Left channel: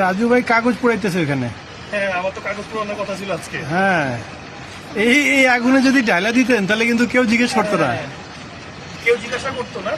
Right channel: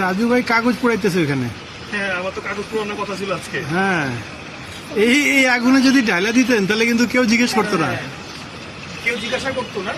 রাজু ভাই কাগজ পোড়াইতেছে ওইখানে। হ্যাঁ, আমার তো কাগজ পোড়ানোর কথা ছিল আজকে। হ্যাঁ, এই আগুনে যদি ঢালা দিতেন তাহলে কিন্তু কেউ জিজ্ঞেস করতো না, কেউ জিজ্ঞাসা করতো না।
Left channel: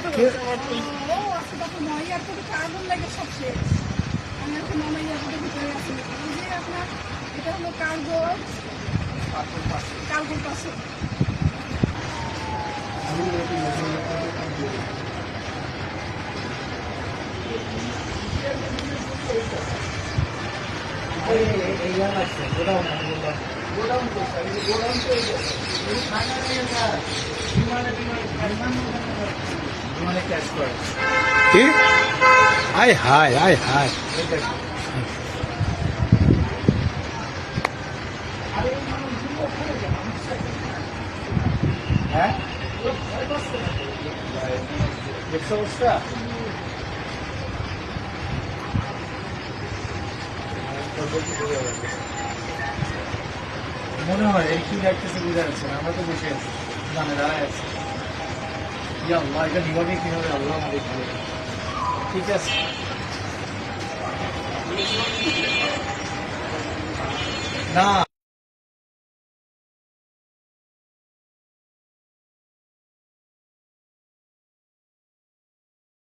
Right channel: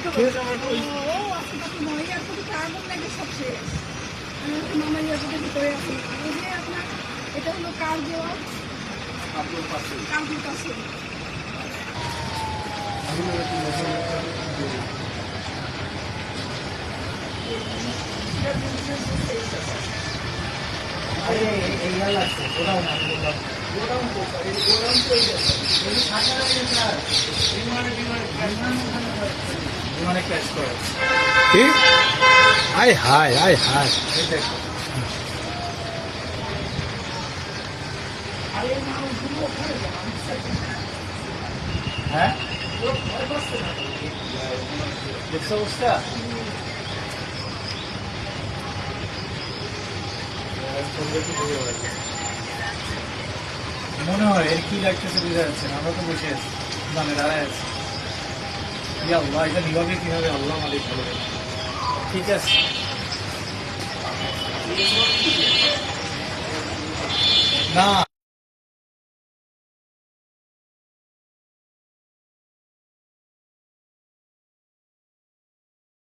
আয় হায় আয় হায়। হ্যাঁ, দেখছো অবস্থা? মনে হয় এর কি লাগতেছে বুঝা যাচ্ছে না। আমরা তো বসে আছি, মানে দাঁড়ায় আছি। আল্লাহ, এটা বিভাগে কিভাবে আল্লাহ আমাদের ভালো। ঠিক আছে, না